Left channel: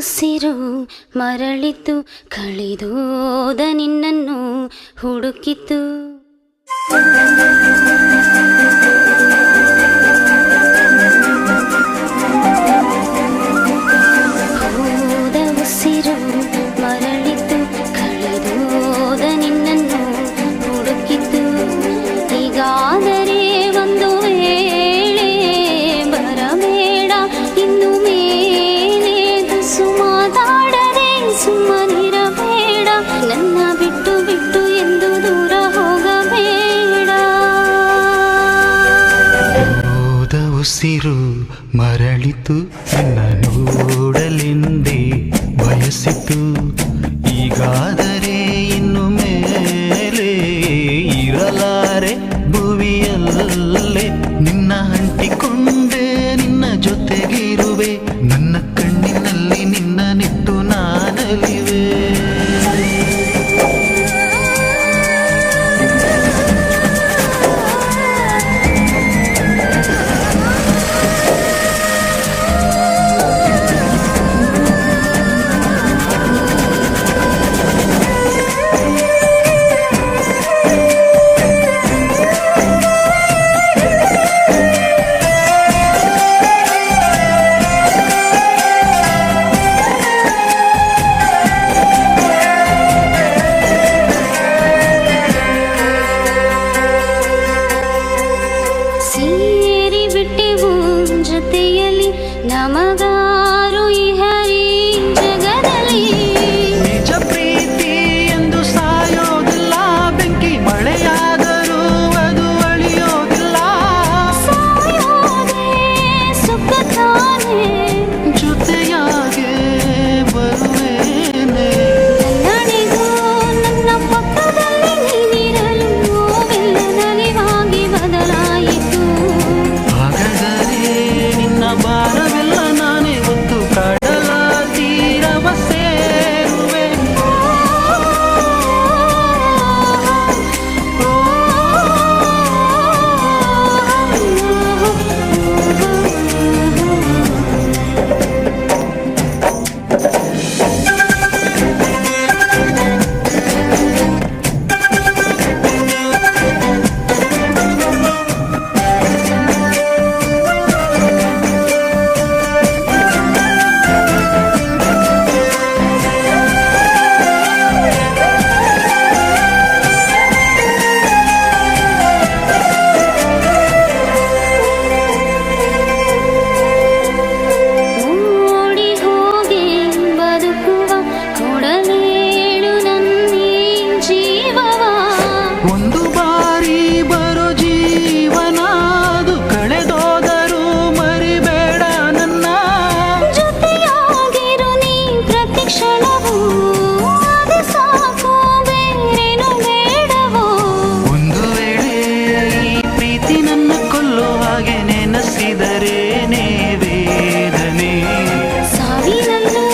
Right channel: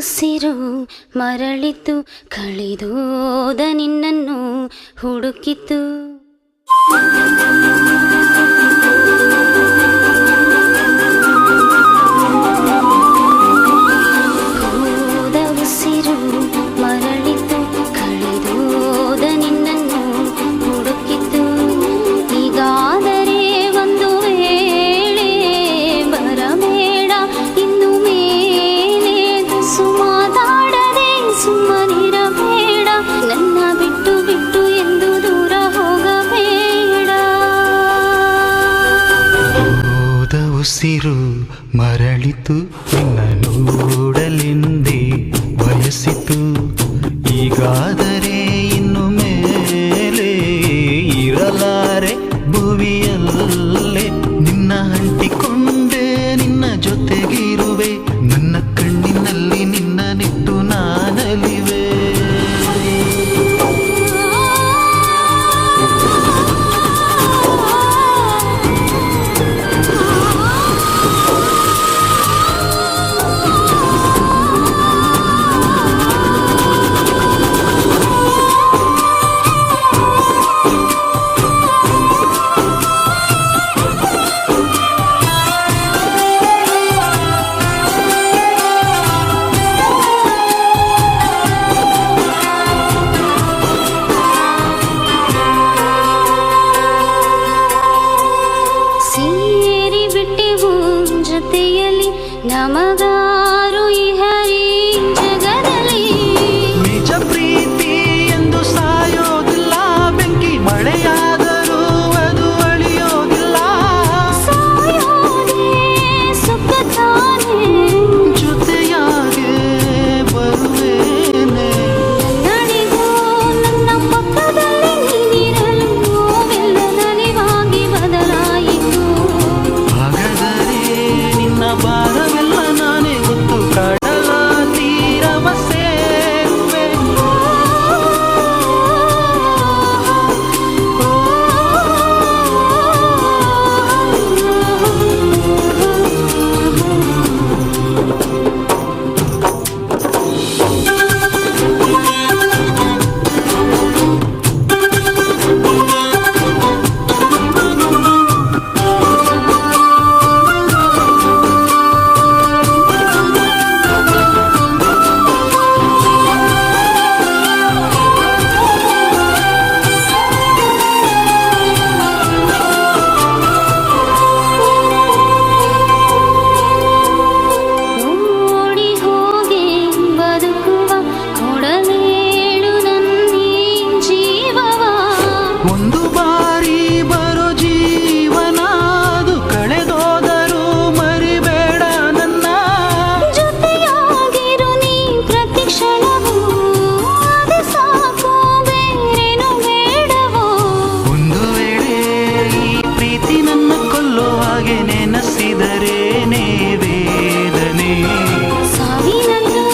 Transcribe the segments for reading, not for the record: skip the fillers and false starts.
ಉಸಿರು ಮರಳಿತು, ಕಳೆದೋದ ನಿನ್ನನ್ನು ಹುಡುಕಿತು. ಹೋದ ಉಸಿರು ಮರಳಿತು, ಕಳೆದೋದ ನಿನ್ನನ್ನು ಹುಡುಕಿತು. ಹೀಗಾದರೆ ಒಂದು ವೇಳೆ ಬರಬೇಡ ಇನ್ನು ಮೇಲೆ, ತುಸು ಮಾತಾಡದೆ ಸುಮ್ಮನಿರಬೇಡ, ನನ್ನ ಬಿಟ್ಟು ಬಿಟ್ಟು ಎಂದು ದೂರ ಹೋಗಬೇಡ. ಹೋದ ಉಸಿರು ಮರಳಿತು, ನಿನ್ನ ನೋಡಲೆಂದೇ ಬಯಸಿತು. ಈಗಾದರೆ ಇನ್ನು ಮೇಲೆ ಇರಲಾರೆ ಭುವಿಯಲ್ಲೇ, ನಿನ್ನ ಅಂಟಿಕೊಂಡೆ ನಿನ್ನ ಜೊತೆಗಿರುವೆ, ನನ್ನ ಕಣ್ಣಿನಲ್ಲಿ ನಿನ್ನ ನಿಟ್ಟು ನಾನಲಿವೆ. ಸೇರಿ ಬಿಟ್ಟೆವು ಜೊತೆಯಲ್ಲಿ, ನಮಗಾರು ಈ ಹರಿ ಜಗದಲ್ಲಿ. ನಿಜ ಪ್ರೀತಿ ಎಂದು ಸಾಯೋದಿಲ್ಲ, ಬೆಂಕಿ ಮಳೆಯಾದರೂ ಅದು ಅಳಿಯೋದಿಲ್ಲ. ಸಾಯೋದೇ ಸುಖ ತಾನೇ, ಜೊತೆಯಾಗೆ ಬರುವೇನೆ. ನನ್ನಡಿಗೂ ನನ್ನ ಪಕ್ಕದಲ್ಲಿ ನೀನಿರಲು ನೋವೆಲ್ಲ ನಲಿವಾಗಿ ಬದಲಾಯಿತು. ಹಾಗಾದರೆ ನಿನ್ನ ಭಾರವೆಲ್ಲ ನಾನೇ ಹೊತ್ತು ಕಡಲ ತೀರವ ಸೇರುವೆ. ಓಡಿ ಹೋಗಿ ಬದುಕುವ ಕೊಡಲೇಳು ನನ್ನೀ ಜೀವವ. ಒಂದು ಬಾರಿ ಬರೋ ಜೀವನ, ಅದು ಕಳೆದೋದರೂ ಮರಿಬೇಡ ನನ್ನ. ಜೊತೆಯಾಗಿರು ನೀ ಪ್ರತಿ ಕ್ಷಣವೂ, ಅದೇ ಸಾಕು ಬೇರೇನು ಬೇಡವೋ. ಒಂದು ವೇಳೆ ಈ ಪ್ರೀತಿ ನನ್ನ ಕೊಲ್ಲೋ ಹಾಗೆ ನೆನೆಸಿದರೇನೇ ವೇದನೆ. ಸಾವಿನಲ್ಲೂ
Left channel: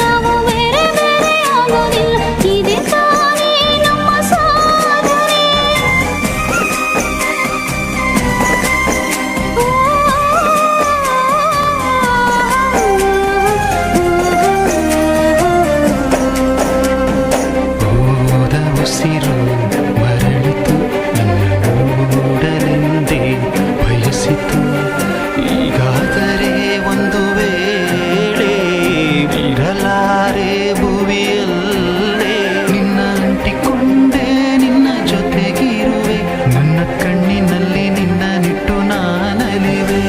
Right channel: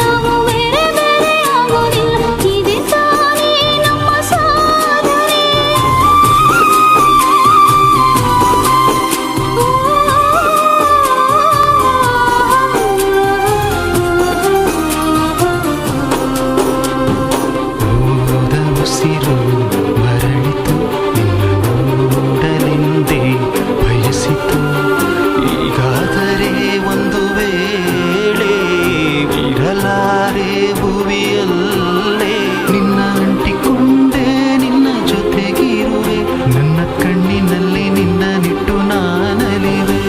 ನಾವು ಬೇರೆ ಬೇರೆ ಆಗೋದಿಲ್ಲ, ಇದೆ ತಾನೇ ನಮ್ಮ ಸಾಧನೆ. ಹೋದ ಉಸಿರು ಮರಳಿತು, ನಿನ್ನ ನೋಡಲೆಂದೇ ಬಯಸಿತು. ಈಗಾದರೆ ಒಂದು ವೇಳೆ ಇರಲಾರೆ ಭುವಿಯಲ್ಲೇ, ನಿನ್ನ ಅಂಟಿಕೊಂಡೆ ನಿನ್ನ ಜೊತೆಗಿರುವೆ, ನನ್ನ ಕಣ್ಣಿನಲ್ಲಿ ನಿನ್ನ ನಿಟ್ಟು ನಾನಲಿವೆ.